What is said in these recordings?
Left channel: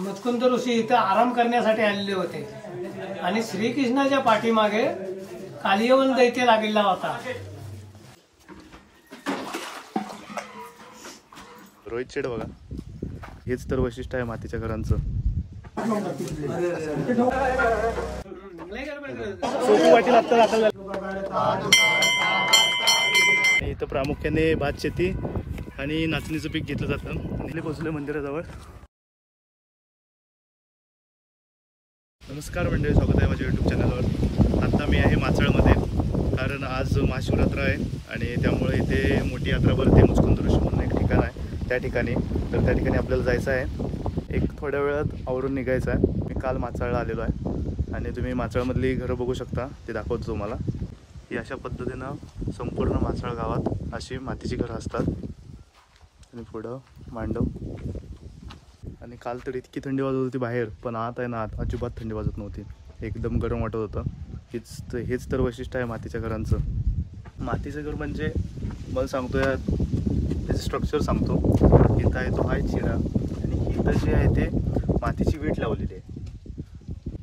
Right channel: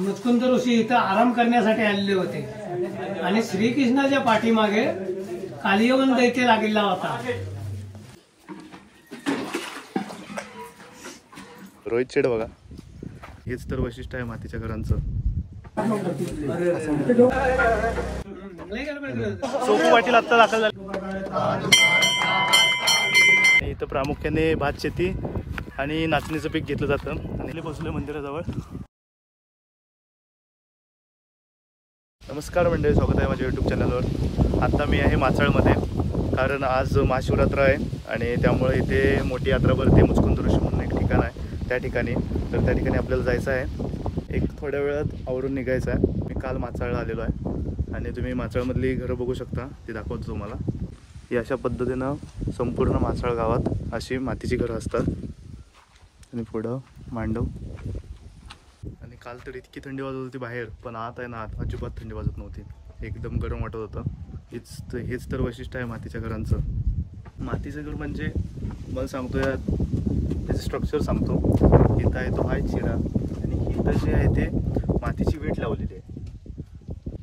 मुचकुंद ऋषी इथं आराम करण्यासाठी आलेले होते आणि श्रीकृष्णाच्या पाठीमागे कालियवन दैत्य लागलेला होता. रोहित शेड बघा, हेच तर वैशिष्ट्य आहे मातीच्या घरांचं. सोपू पाटील आता दाखल झाले. इथं प्रामुख्याने भात शेती आणि नाचणीचं पीक घेतलं जातं. आणि पोहोचले मंदिराजवळ. नमस्कार मंडळी, स्वागत आहे माझ्या यूट्यूब चॅनलवर. आता मी आहे माचाळमध्ये, कारण आज महाशिवरात्र आहे आणि त्यामुळे इथे मोठी यात्रा भरते. मुचकुंद ऋषी म्हणून एक ठिकाण आहे, त्या ठिकाणी आपल्याला जायचं आहे. एक थोड्या वेळात आवरून निघायचं आहे. मी काल माचाळला आलेलो आहे आणि तुम्ही माचाळमधली घरं बघू शकता, ते दाखवतो तुम्हाला. ही अशा पद्धतीनं संपूर्ण माचाळ गावात अशी मातीची घरं असतात. आणि पुढं मांडव. आणि काल तर इतकी थंडी वाजत होती बाहेर, पण आत आहे ना, आत अजिबात थंडी वाजत नव्हती. एकदम गरम वाटत होतं. हेच तर वैशिष्ट्य आहे मातीच्या घरांचं. मातीचं घर म्हणजे मला सांगतो, त्याचं स्ट्रक्चर सांगतो. इथं आहे तो आहे चिरा आणि इथं जे आहे ते मातीची वीट लावलेली आहे.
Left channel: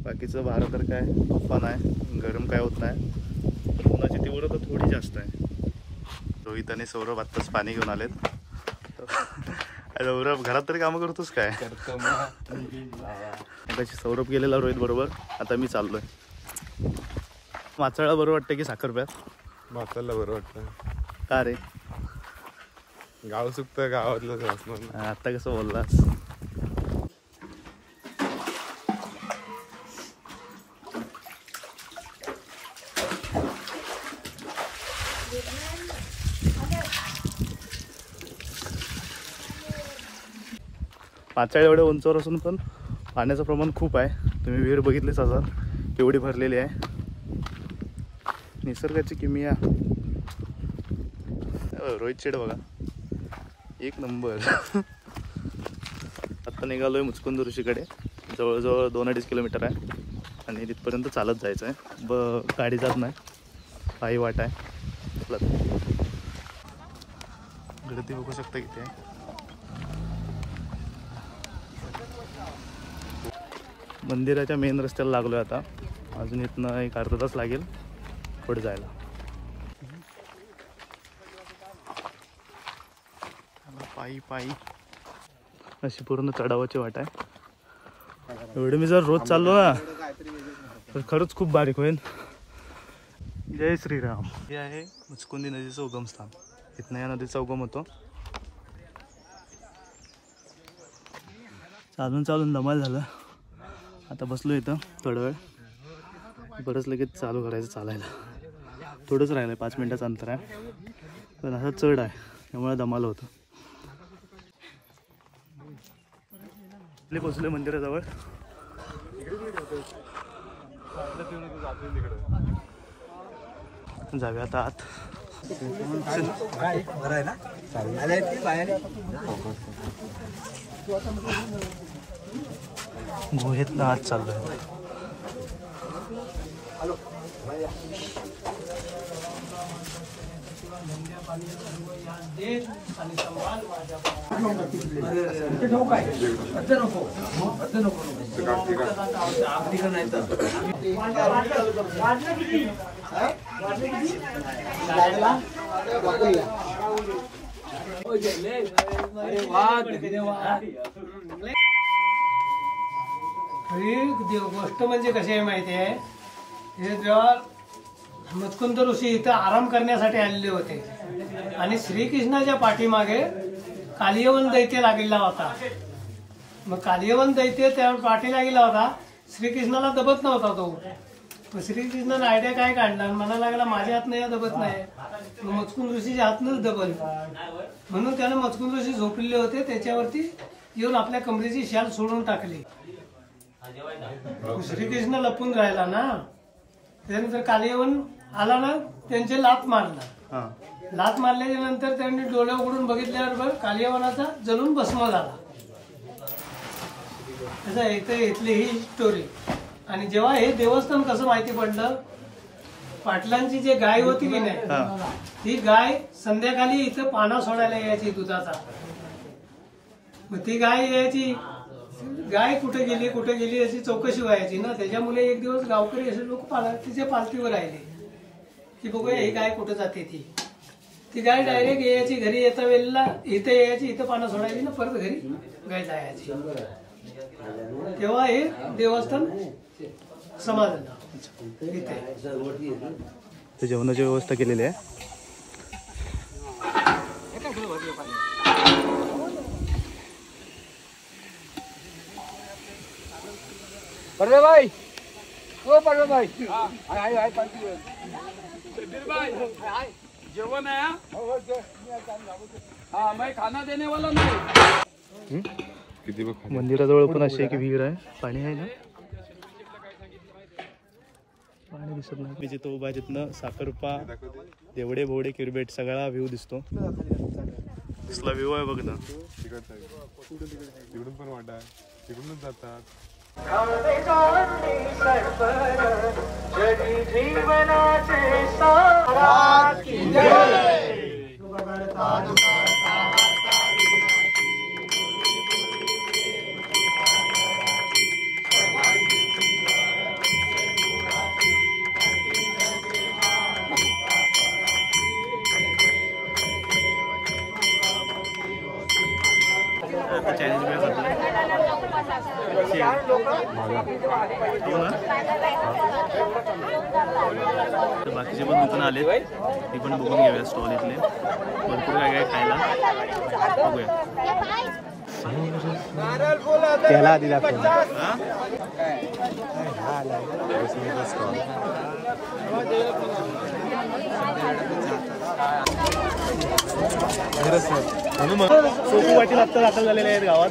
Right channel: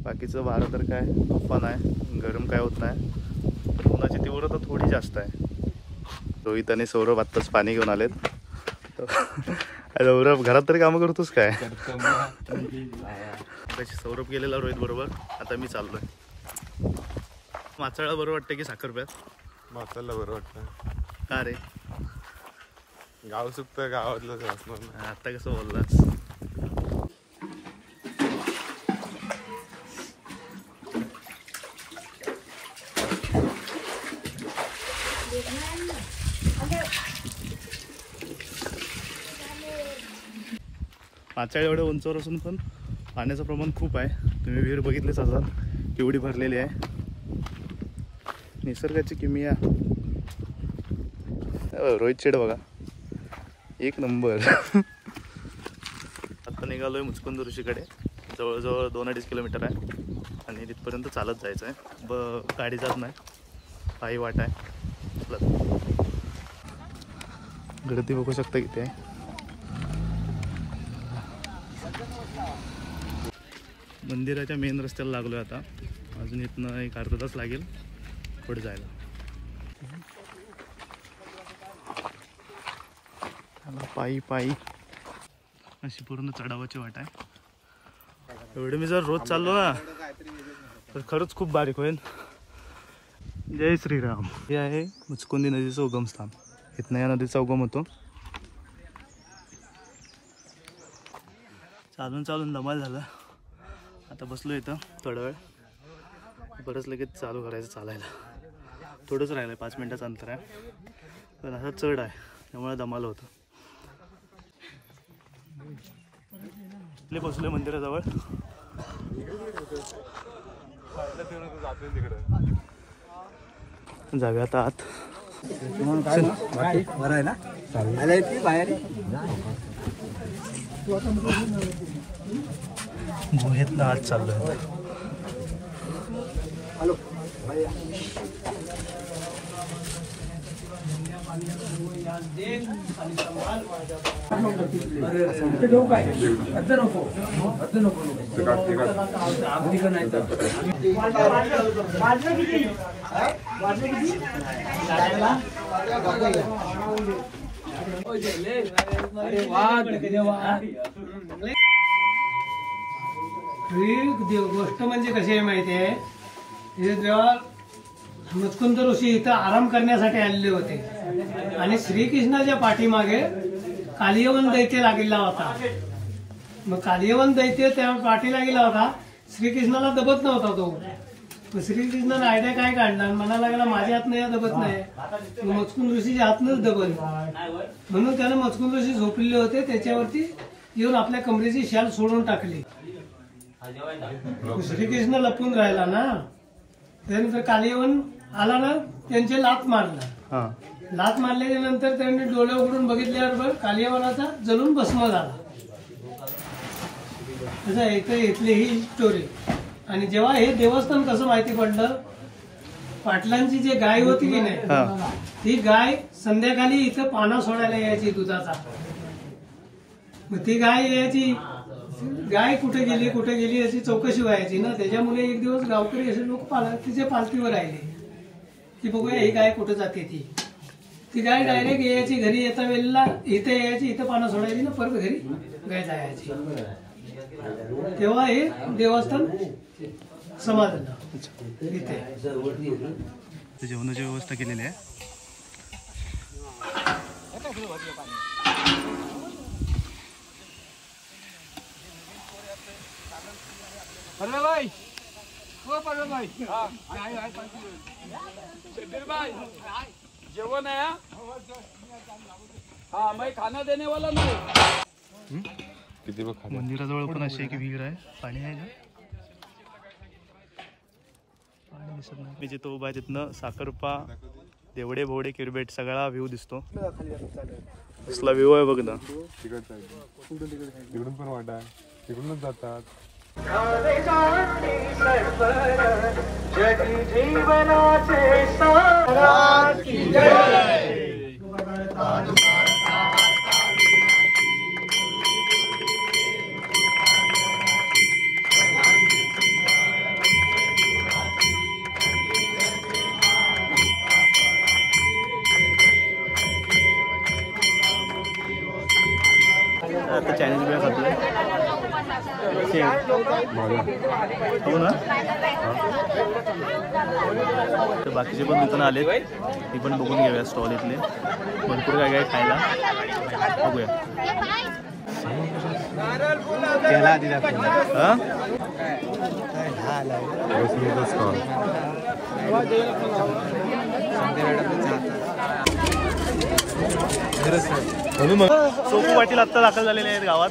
बाकीचं वारं तर काय तुफान आहे, गरम काय होत नाही, पण उन्हाची तीव्रता थोडी जास्त आहे. रोहित आणि सौरभ आत्ताच पाणी घेऊन आलेत. सौरभ घरात तरी कामं करतोस काय? सौरभ गेलेला रोहित बरोबर. आता मी चाललोय. माचाळला बरं वाटतं की साखरप्यात? माचाळला बरं वाटतं. का रे? गाव सुकतं, गावातलं. आता कसं बोललास? माचाळ एवढ्या उंचावर असून पण पाण्याचं प्रमाण खूप आहे. तुम्ही विहीर बघितलीच असाल केवढी भरलेली आहे. निसर्गाची किमया. रोहित शेड बघा, एक नंबर. आता निघालोय मुचकुंद ऋषीकडे. जवळजवळ 2-2.5 किलोमीटर आहे आणि तिथपर्यंत चालत जायचं आहे. गाडी जात नाही, पायी वाट आहे. गर्दी बघू शकता किती आहे. मंदिराच्या मेन रस्त्याला लागलोय आता. अजून इथनं एक अर्धा तास लागेल पुढे जायला. पायी अशी पूर्ण चढावाची वाट आहे. एवढे मी जर रोज चाललो ना तर खरंच खूप बारीक होईल. जय श्रीराम. हे आहे मुचकुंदी नदीचं उगमस्थान. इथनं या नदीचा उगम होतो. चालून धमाल झालं. आता बसलो इथं थोडा वेळ, बरंच लगेच चालू करायचं चालायला. थोडंच राहिलं आहे, 5 मिनिटाचं अंतर आहे, पण असा चढ आहे त्यामुळे दमाल होतं. पोचले मंदिराजवळ. जाऊया आता आत. गुहेतनं आत चाललोय. गोष्ट म्हणजे कशी आहे माहिती आहे, हे जेव्हा मुचकुंद ऋषी इथं आराम करण्यासाठी आलेले होते आणि श्रीकृष्णाच्या पाठीमागे कालियवन दैत्य लागलेला होता. मग कालियवन दैत्य त्या पाठीला गेला होता. श्रीकृष्णाला दबत नव्हता तो. मग श्रीकृष्णाने आयडिया काय काढला, म्हणायला लागला माझ्या हातनं या दबत नाही, मग मुचकुंद ऋषीच्या हातनंच दबल. म्हणून त्यानं मुचकुंद ऋषी झोपलेले होते त्याच्यावरती येऊन आपल्या कमरेची शाल सोडून टाकली. श्रीकृष्ण लपून राहिला ना, त्यानंतर कालियवन आला ना, त्यांचे लात मारला. लात मारल्याच्या नंतर त्यांनी डोळे उघडून बघितल्याबरोबर कालियवनाचा जलून भस्म झाला. इथली ही स्टोरी. आणि जेव्हा हे देवस्थान कसं माहिती पडलं, पाटलांची जी गाय होती की नाही, ती गाय संध्याकाळी इथं पाना सोडायला यायची दुधाचा. मग ती गाय यायची गाय कुठे गेली याची चौकशी व्हायची ना. त्याच्यामुळे एक दिवस गावकरी असे लोक तिच्या पालखीवर राहिले की बघूया ही गाय कुठं जाते. ती गाय डायरेक्ट यायची, घरी येता वेळेला इथे यायची, इथं पानं सोडायची ना परत घरी गाय जायची. तेव्हा हे देवस्थान समाजलं इथे. जेवणाची व्यवस्था केलेली आहे. परवे भाई, ओ परवे भाई, जेवण आहे. हाँ मैं खाना देने वाला नहीं. किती बघ खाली. मंदिराजवळ पण अशी एक विहीर आहे. पाणी आहे ना, पाणी दिसत नाही. मी जिथं उभा आहे तिथनं साखरपा, देवडे भोवडे किरबेट सगळा व्ह्यू दिसतो. कसला व्ह्यू आहे बघ ना. तिकडून पण वाटा आहे, तिकडूनच जातात. आता चायनीज वेळ खातोय. हो ना. तर बाकीचे पण दुकानं आलेत, ती पण बघून घेऊया. स्टॉल इथले भरपूर काय काय खायला बघूया. हा सोपी वाटील आत्ता दाखल झालेले आहेत गावात.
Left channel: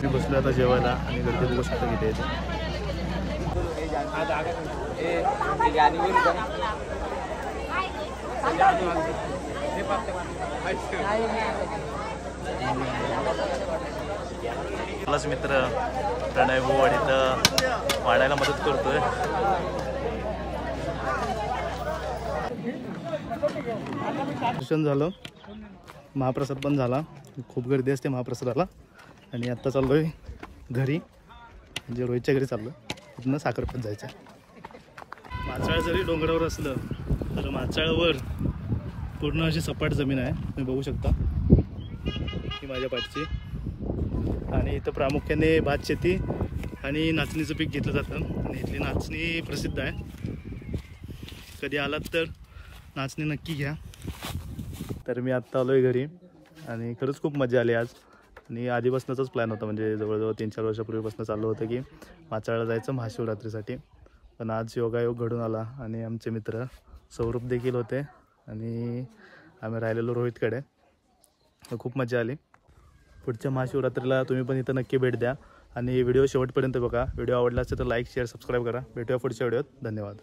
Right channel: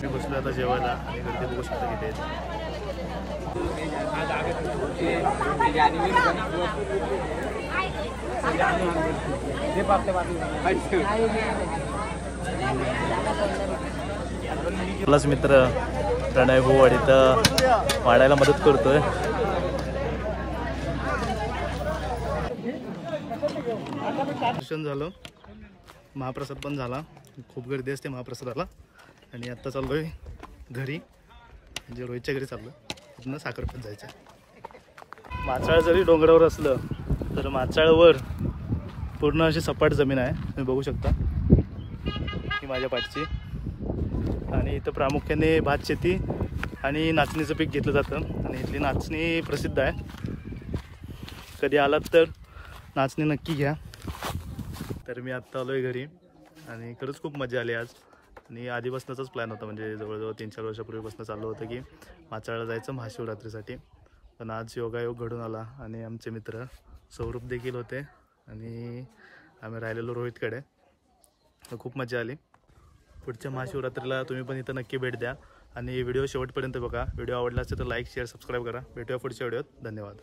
मी बसलो आता जेवायला आणि गर्दी बघू शकता किती येते. आपलाच मित्र प्रणय भाऊ इथं वाढायला मदत करतोय. दर्शन झालं, महाप्रसाद पण झाला. खूप गर्दी असते महाप्रसादाला. आणि आत्ता चाललोय घरी, म्हणजे रोहितच्या घरी चाललोय. तिथनं साखरपत जायचं. माचाळ जरी डोंगरावर असलं तर माचाळवर पूर्ण अशी सपाट जमीन आहे, तुम्ही बघू शकता ही माझ्या पाठची. आणि इथं प्रामुख्याने भात शेती आणि नाचणीचं पीक घेतलं जातं. आणि इथली नाचणी प्रसिद्ध आहे. कधी आलात तर नाचणी नक्की घ्या. तर मी आत्ता आलो आहे घरी आणि खरंच खूप मजा आली आज. आणि आधीपासूनचाच प्लॅन होता, म्हणजे जवळजवळ 3-4 वर्षापूर्वीपासून चाललं होतं की माचाळला जायचं महाशिवरात्रीसाठी. पण आज योगायोग घडून आला आणि आमचे मित्र सौरभ देखील होते आणि आम्ही राहिलेलो रोहितकडे. खूप मजा आली. पुढच्या महाशिवरात्रीला तुम्ही पण इथं नक्की भेट द्या आणि व्हिडिओ शेवटपर्यंत बघा. व्हिडिओ आवडला असेल तर लाईक, शेअर, सबस्क्राईब करा. भेटूया पुढच्या व्हिडिओत. धन्यवाद.